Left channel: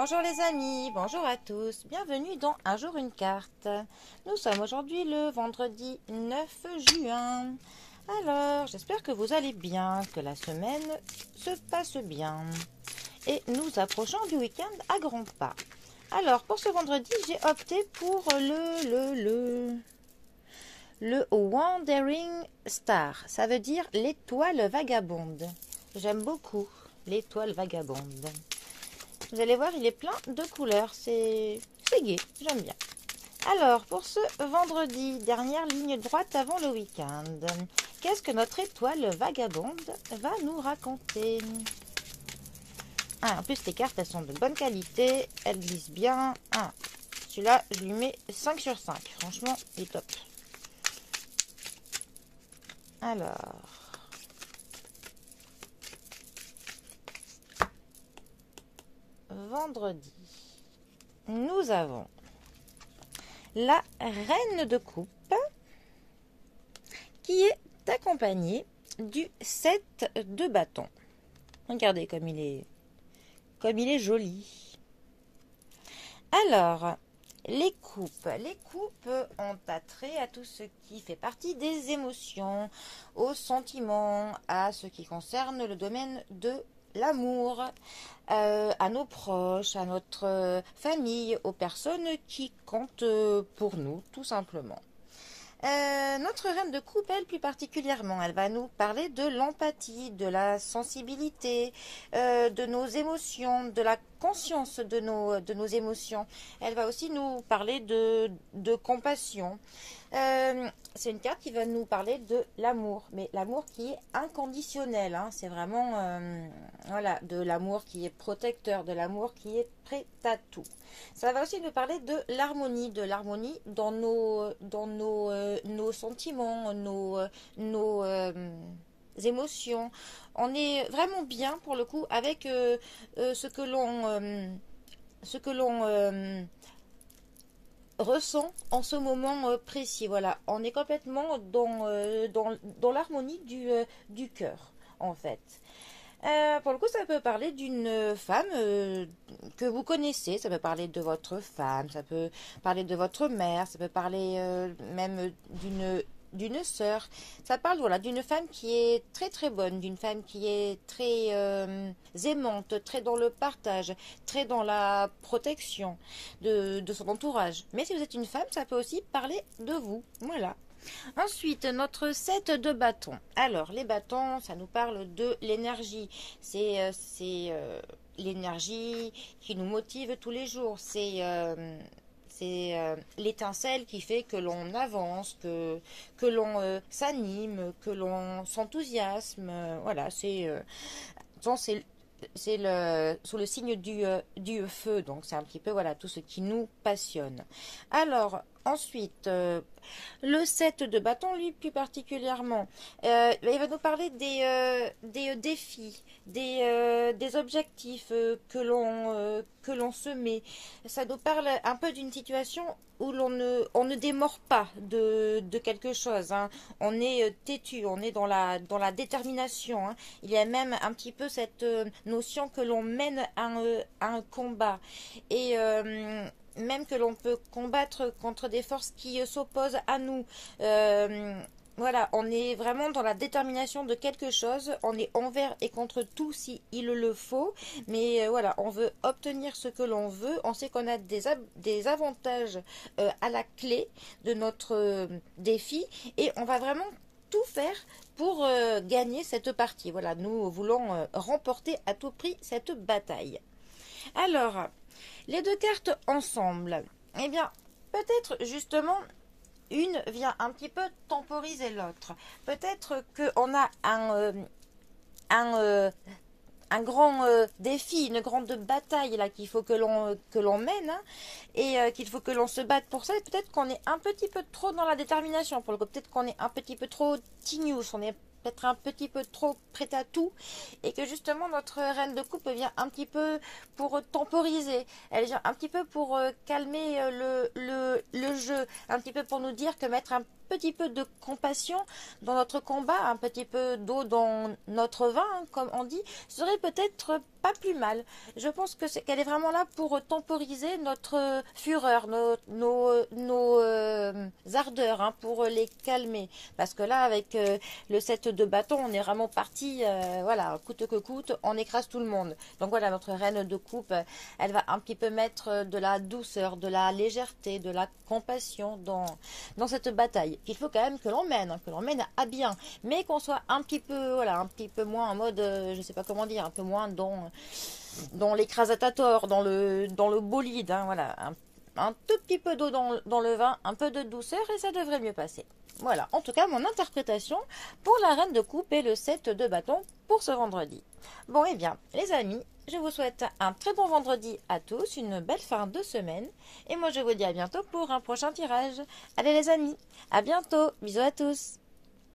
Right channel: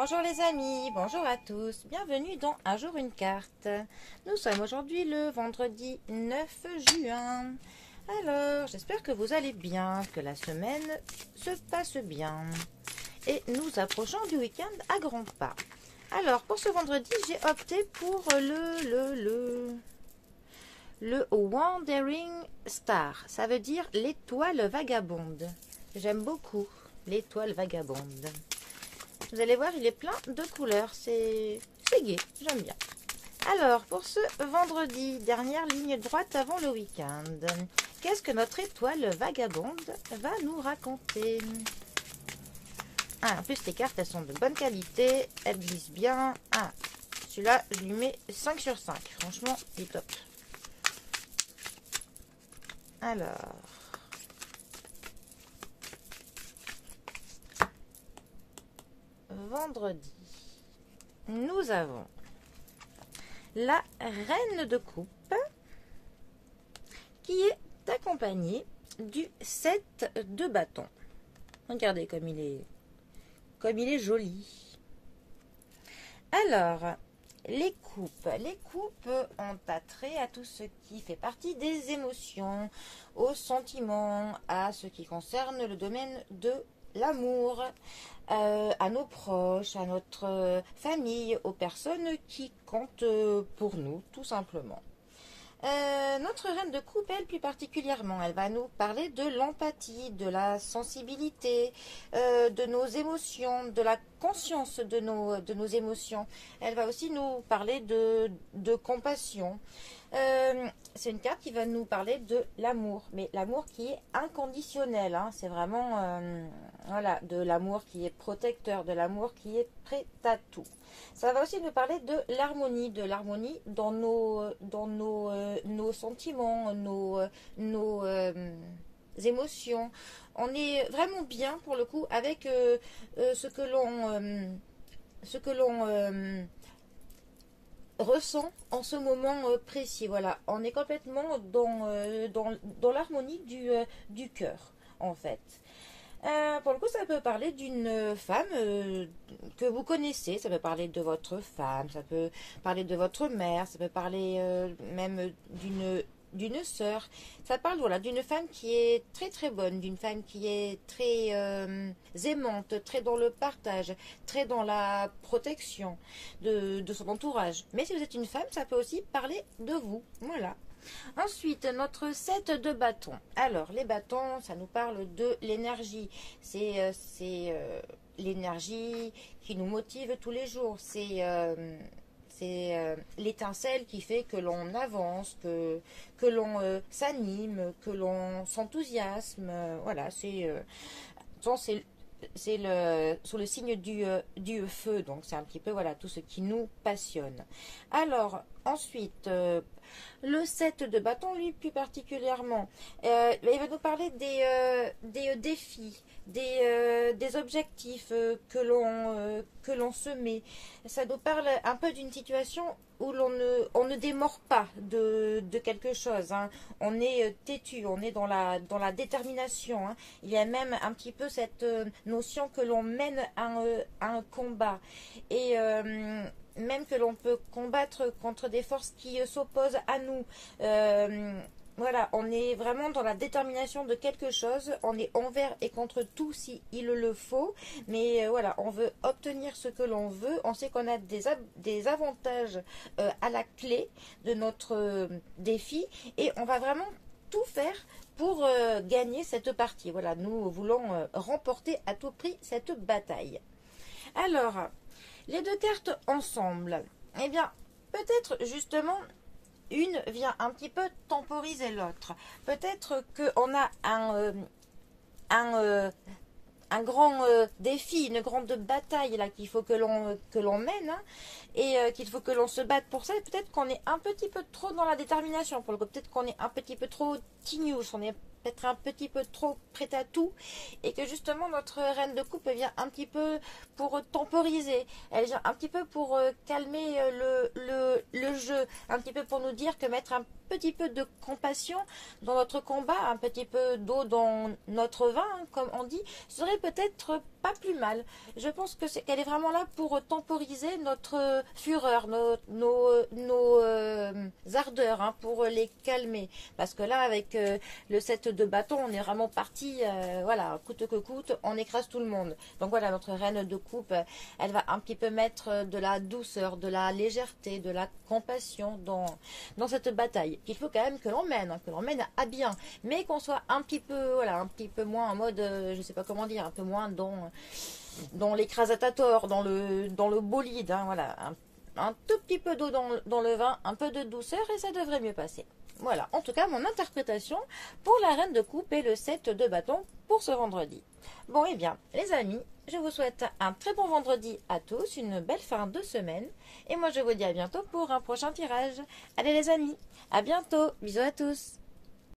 Bonjour les amis, bonjour à tous, bienvenue dans Un jour une carte. Nous sommes aujourd'hui le vendredi 9 juin. Alors, j'espère que vous allez bien, que la semaine se passe bien. Et nous approchons du week-end à grands pas. Alors, pour ce vendredi, j'ai opté pour le Wandering Star. Ça veut dire l'étoile vagabonde. J'aime beaucoup l'étoile vagabonde. Vous allez voir, il est plein de couleurs. C'est gai, j'aime bien. Alors, pour ce vendredi, dernière ligne droite avant le week-end, qu'est-ce que notre étoile vagabonde va nous raconter? En plus, les cartes, elles sont de bonne qualité. Elles glissent bien. Celui-là, je lui mets 5 sur 5. Franchement, il est top. Alors... vendredi, nous avons la reine de coupe qui est accompagnée du 7 de bâton. Regardez comme il est joli. Alors, les coupes ont attrait à tout ce qui fait partie des émotions, aux sentiments, à ce qui concerne le domaine de l'amour, à nos proches, à notre famille, aux personnes qui comptent pour nous, tout simplement. Notre reine de coupe, elle, plus particulièrement, elle va nous parler de l'empathie, de la sensibilité, de nos émotions, de la conscience de nos émotions. Elle va aussi nous parler de compassion. C'est une carte qui va nous parler de l'amour, mais l'amour qui est inconditionnel, hein. C'est vraiment voilà, de l'amour qui est protecteur, de l'amour qui est prêt à tout. Ça va aussi nous parler de l'harmonie dans nos sentiments, nos émotions. On est vraiment bien pour le coup avec ce que l'on ressent en ce moment précis. Voilà, on est complètement dans l'harmonie du cœur, en fait. Pour le coup, ça peut parler d'une femme que vous connaissez, ça peut parler de votre femme, ça peut parler de votre mère, ça peut parler même d'une sœur. Ça parle voilà, d'une femme qui est très très bonne, d'une femme qui est très aimante, très dans le partage, très dans la protection de son entourage. Mais si vous êtes une femme, ça peut aussi parler de vous. Voilà. Ensuite, notre 7 de bâton. Alors, les bâtons, ça nous parle de l'énergie. C'est l'énergie qui nous motive tous les jours. C'est l'étincelle qui fait que l'on avance, que l'on s'anime, que l'on s'enthousiasme. Voilà, c'est sous le signe du feu. Donc, c'est un petit peu voilà, tout ce qui nous passionne. Alors, ensuite, le 7 de bâton, lui, plus particulièrement, il va nous parler des défis, des objectifs que l'on se met. Ça nous parle un peu d'une situation où on ne démord pas de quelque chose, hein. On est têtu, on est dans la détermination, hein. Il y a même un petit peu cette notion que l'on mène un combat. Et même que l'on peut combattre contre des forces qui s'opposent à nous. Voilà, on est vraiment dans la détermination de quelque chose. On est envers et contre tout si il le faut. Mais voilà, on veut obtenir ce que l'on veut. On sait qu'on a des avantages à la clé de notre défi. Et on va vraiment tout faire pour gagner cette partie. Voilà, nous voulons remporter à tout prix cette bataille. Alors... les deux cartes ensemble, eh bien, peut-être justement, une vient un petit peu temporiser l'autre. Peut-être qu'on a un grand défi, une grande bataille là qu'il faut que l'on mène, hein, et qu'il faut que l'on se batte pour ça. Peut-être qu'on est un petit peu trop dans la détermination. Pour le coup, peut-être qu'on est un petit peu trop tignos, on est peut-être un petit peu trop prête à tout et que justement notre reine de coupe vient un petit peu pour temporiser, elle vient un petit peu pour calmer le jeu, un petit peu pour nous dire que mettre un petit peu de compassion dans notre combat, un petit peu d'eau dans notre vin, hein, comme on dit, serait peut-être pas plus mal. Je pense que qu'elle est vraiment là pour temporiser notre fureur, nos ardeurs, hein, pour les calmer. Parce que là, avec le set de bâton, on est vraiment parti, voilà, coûte que coûte, on écrase tout le monde. Donc voilà, notre reine de coupe, elle va un petit peu mettre de la douceur, de la légèreté, de la compassion dans cette bataille. Il faut quand même que l'on mène, hein, que l'on mène à bien, mais qu'on soit un petit peu, voilà, un petit peu moins en mode, je sais pas comment dire, un peu moins dans l'écrasatator, dans le bolide, hein, voilà, un tout petit peu d'eau dans le vin, un peu de douceur et ça devrait mieux passer. Voilà, en tout cas, mon interprétation pour la reine de coupe et le set de bâton pour ce vendredi. Bon, eh bien, les amis, je vous souhaite un très bon vendredi à tous, une belle fin de semaine. Et moi, je vous dis à bientôt pour un prochain tirage. Allez les amis, à bientôt. Bisous à tous.